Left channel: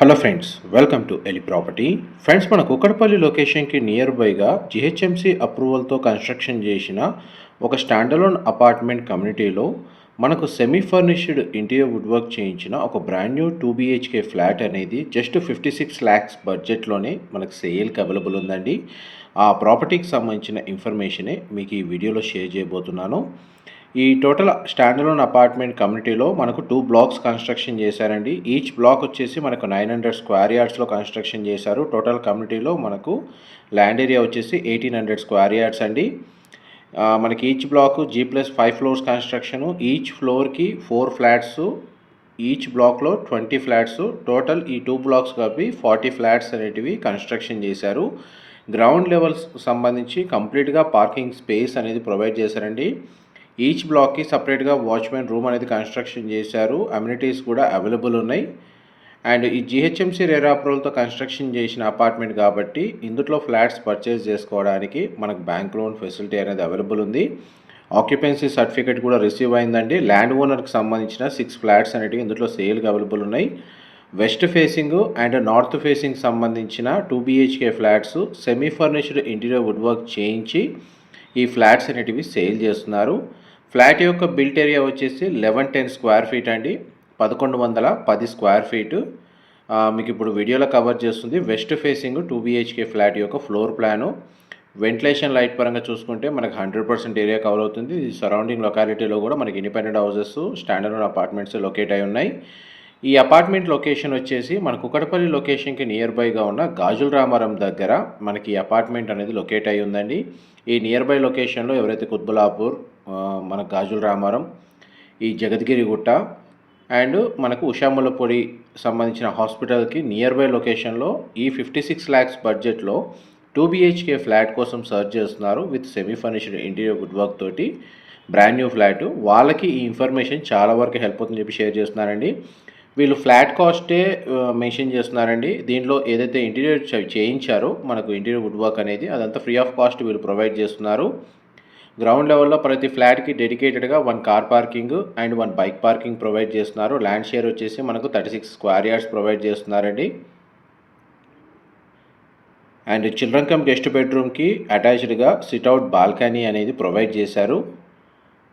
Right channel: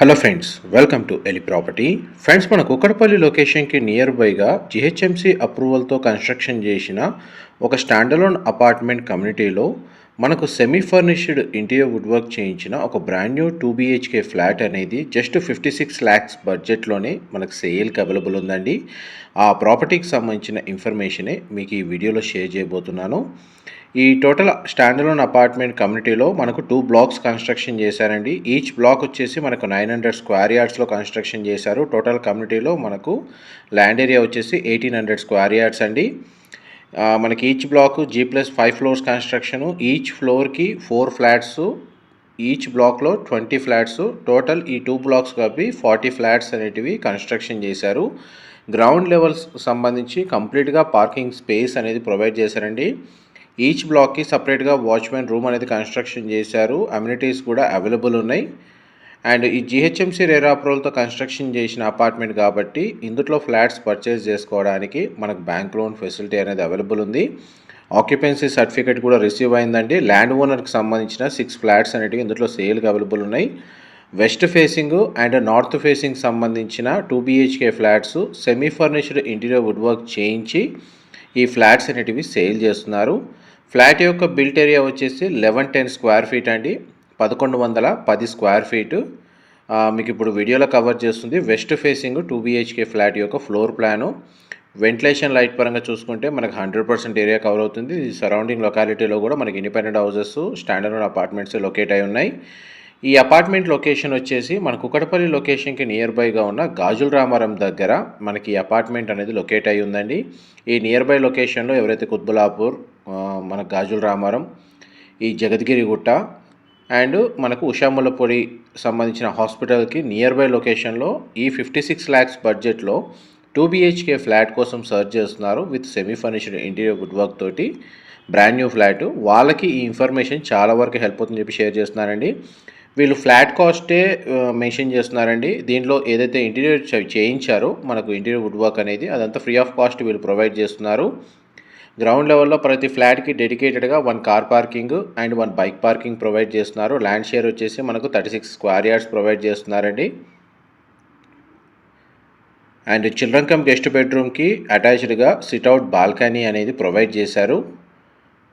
Hello friends, welcome to Eli property. Friends, మన కుక్కడపల్లి లొకేషన్కి near బైగా జిహెచ్ఎంసీ అప్రూవల్తో కన్స్ట్రక్షన్ చేసిన ఒక స్టాండలోన్ అపార్ట్మెంట్ కమ్యూనిటీలో మనకు semi furnished interior wood work చేయించిన ఒక బ్రాండ్ న్యూ 2 BHK ఫ్లాట్ అనేది జస్ట్ 56 lakhs బడ్జెట్లోనే మనకు సేల్కి అవైలబుల్ ఉందండి. ఆ ప్రాపర్టీకి సంబంధించిన ఇన్ఫర్మేషనే మీకు ఈ వీడియోలో షేర్ చేయబోతున్నాను. ఈ టోటల్ స్టాండలోన్ అపార్ట్మెంట్ కమ్యూనిటీలో మనకు 2 blocks కన్స్ట్రక్షన్ చేశారండి. ఈచ్ బ్లాక్ వచ్చేసి మనకు 900 square yardsలో కన్స్ట్రక్షన్ చేశారు. టోటల్ కమ్యూనిటీలో మనకు ల్యాండ్ ఏరియా వచ్చేసి 1800 square yards అండి. మనకి each black G+5 floors construction. Each ఫ్లోర్కి 4 ఫ్లాట్స్, ఈచ్ బ్లాక్లో 20 ఫ్లాట్స్. టోటల్ ఈ 2 blocks కలిపి 40 ఫ్లాట్స్ అనేటివి కన్స్ట్రక్షన్ చేశారు. గ్రౌండ్ లెవెల్స్ సంబంధించి కంప్లీట్గా పార్కింగ్ స్పేస్ అనేది ప్రొవైడ్ చేశారండి. ఈచ్ బ్లాక్కి సపరేట్గా వాచ్మెన్ రూమ్ అనేది కన్స్ట్రక్షన్ చేశారు. అమ్యూనిటీస్ కూడా అవైలబుల్ ఉన్నాయి. అండ్ ఈ జిహెచ్ఎంసీ రేరా అప్రూవల్తో కన్స్ట్రక్షన్ చేసిన అపార్ట్మెంట్ కాబట్టి ఇందులో ఫ్లాట్స్ పర్చేస్ చేసుకోవడానికి మనకు బ్యాంక్ లోన్ ఫెసిలిటీ అనేది అవైలబుల్ ఉంది. ఆక్యుపెన్సీ సర్టిఫికేట్ కూడా రిసీవ్ అయిందండి. ల్యాండ్ ఓనర్కి సంబంధించిన 6 ఫ్లాట్స్ అనేటివి ఇందులో సేల్కి అవైలబుల్ ఉన్నాయి. West facing and north facing సంబంధించిన 2 BHK flats semi furnished interior wood work చేయించి ఈ ఫ్లాట్స్ అనేటివి సేల్ చేస్తున్నారు. ఫ్లాట్ యొక్క బిల్ట్ ఏరియా వచ్చేసి 1110 square feet అండి, 1110 square feet. మీకు ఇప్పుడు వీడియోలో కవర్ చేస్తుంది వెస్ట్ ఫేసింగ్ 2 BHK ఫ్లాట్ యొక్క ఫ్లోర్ ప్లాను. వెంటిలేషన్ లైట్ పరంగా చూసుకుంటే మనకు 100% ఏరియా కవర్ అవుతుంది. సరౌండింగ్ లొకాలిటీలో కూడా మనకి independent houses, standard apartments locate అయి ఉన్నాయి. ఈ అపార్ట్మెంట్ లొకేషన్ వచ్చేసి మన కుక్కడపల్లి లొకేషన్కి నియర్ బైగా ఉన్న గాజుల రామారం దగ్గర మనకి ఈ అపార్ట్మెంట్ అనేది లొకేట్ అయి ఉందండి. ఈ నియర్ బై లొకేషన్లో ఎవరైతే కుత్బులాపూర్, మన గాజుల రామారం, ఈ జగద్గిరిగుట్ట అండ్ మనకు ఉషాములపొడి సంబంధించిన హాస్పిటల్కి నియర్ బై లొకేషన్లో ఈ 56 lakhs బడ్జెట్లో 2 BHK ఫ్లాట్ కోసం సర్చ్ చేస్తున్నారు with semi furnished interior wood work తోటి బ్రాండ్ న్యూ ఫ్లాట్. వాళ్ళకి ఈ ఇన్ఫర్మేషన్ చాలా వరకు హెల్ప్ అవుతుందని చెప్పి షేర్ చేస్తున్నారండి. వీళ్ళు ఫ్లాట్ కాస్టే మెన్షన్ చేస్తున్నారండి. దీంట్లో ఏదైతే ఇంటీరియర్ చేయించారో మనకు ఇంటీరియర్ వుడ్ వర్క్ అనేది అదంతా ఫ్రీ ఆఫ్ కాస్ట్ వీళ్ళు ప్రొవైడ్ చేస్తున్నారు. గ్రౌండ్ లెవెల్లో ప్రతి ఫ్లాట్కి డెడికేటెడ్గా 1 car parking and 1 bike parking provide చేస్తున్నారు. ల్యాండ్ షేర్ వచ్చేసి మనకు 36 square yards ప్రొవైడ్ చేస్తున్నారండి. అండ్ చిల్డ్రన్ కమ్ గెస్ట్ బెడ్రూమ్కి అటాచ్డ్గా సిట్అవుట్ బాల్కనీ అనేది ప్రొవైడ్ చేశారు.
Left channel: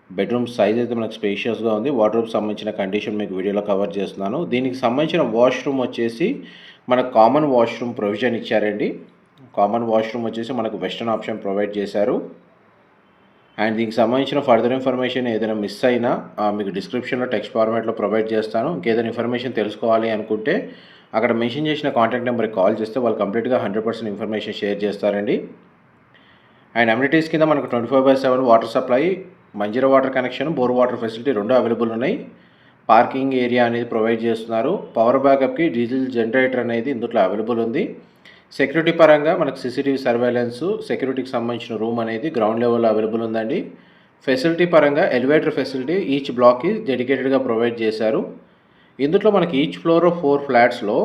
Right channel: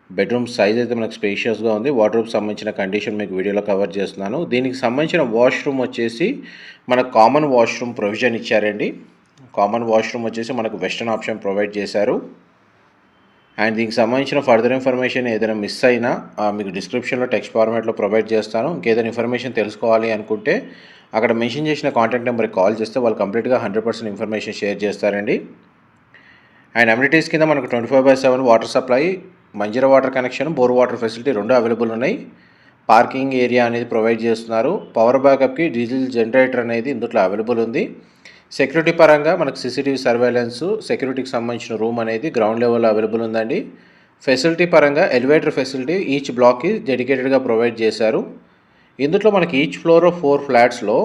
బెడ్రూమ్ సైజ్ అయితే మనకు స్పేషియస్గా ఉంది. వార్డ్రోబ్ సంబంధించిన కండిషన్ మీకు వీడియోలో కవర్ చేస్తున్నాను. దీనికి సంబంధించిన వాష్రూమ్ వచ్చేసి మనకు కామన్ వాష్రూమ్ ప్రొవిజన్ ఇచ్చారండి. కామన్ వాష్రూమ్ వచ్చేసి మనకు వెస్టర్న్ ఆప్షన్ ప్రొవైడ్ చేశారు. అండ్ దీనికి సంబంధించిన ఫర్దర్ ఇన్ఫర్మేషన్ ఏదైనా మిస్ అయినా మీకు డిస్క్రిప్షన్లో టెక్స్ట్ ఫార్మాట్లో ప్రొవైడ్ చేస్తాను. ఇంకేదైనా ఇన్ఫర్మేషన్ తెలుసుకోవాలి అనుకుంటే అక్కడ మెన్షన్ చేసిన కాంటాక్ట్ నెంబర్కి కాల్ చేస్తే వాళ్ళు కంప్లీట్గా 100% ఇన్ఫర్మేషన్ షేర్ చేస్తారండి. అండ్ అమ్యూనిటీస్ కింద మనకు 24/7 water supply, Manjira water connection, bore water facility 2 available ఉన్నాయి. పార్కింగ్ ఏరియా అనేది ప్రొవైడ్ చేస్తున్నారు. పవర్ బ్యాకప్కి డీజిల్ జనరేటర్ అనేది ఇందులో అవైలబుల్ ఉంది. సెక్యూరిటీ పరంగా మనకు CCTV సర్వేలెన్స్, సెక్యూరిటీకి సంబంధించిన రూమ్ అనేది గ్రౌండ్ లెవెల్లో అవైలబుల్ ఉందండి. ఫెసిలిటీ పరంగా ఎలివేటర్ ఫెసిలిటీ ఈచ్ బ్లాక్కి డెడికేటెడ్గా ప్రొవైడ్ చేశారు. ఇందులో మనకి ఈచ్ ఫ్లోర్ 4 ఫ్లాట్స్లో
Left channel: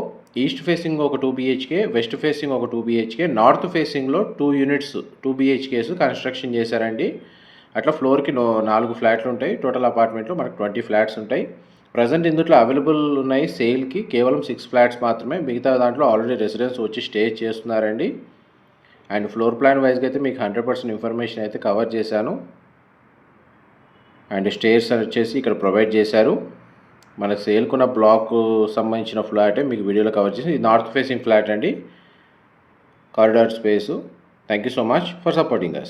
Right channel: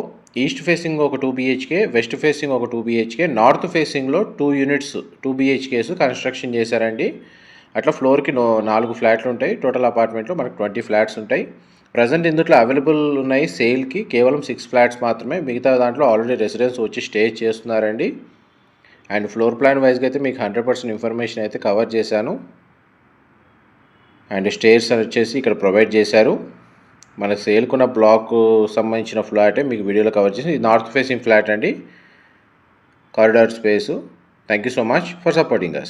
ఈస్ట్ ఫేసింగ్ ఒక 2 BHK, వెస్ట్ ఫేసింగ్ ఒక 2 BHK, నార్త్ ఫేసింగ్లో 2 units 2 BHKs కన్స్ట్రక్షన్ చేశారండి. అట్లా ఫ్లోర్కి 4 ఫ్లాట్లు ఉంటాయి. టోటల్ అపార్ట్మెంట్లో మనకు 20 ఫ్లాట్స్ ఉంటాయి. ప్రజెంట్ ఇందులో అవైలబుల్ ఉన్నాయి సేల్కి కేవలం 6 ఫ్లాట్స్ మాత్రమే. మిగతా దాంట్లో ఆల్రెడీ రెసిడెన్స్ వచ్చి స్టే చేస్తున్నారండి. అండ్ ఫ్లోర్ ప్లాన్ వైజ్గా అయితే మీకు 100% ఇన్ఫర్మేషన్ అయితే కవర్ చేశాను. అండ్ స్టేర్స్ వచ్చేసి ఇక్కడ ప్రొవైడ్ చేశారు. మన సేల్కున్న బ్లాక్ సంబంధించిన ఫ్లాటే మీకు వీడియోలో కవర్ చేసి, ఇది నార్త్ ఫేసింగ్ ఫ్లాట్ అండి, corridor space. Thank you so much for supporting us.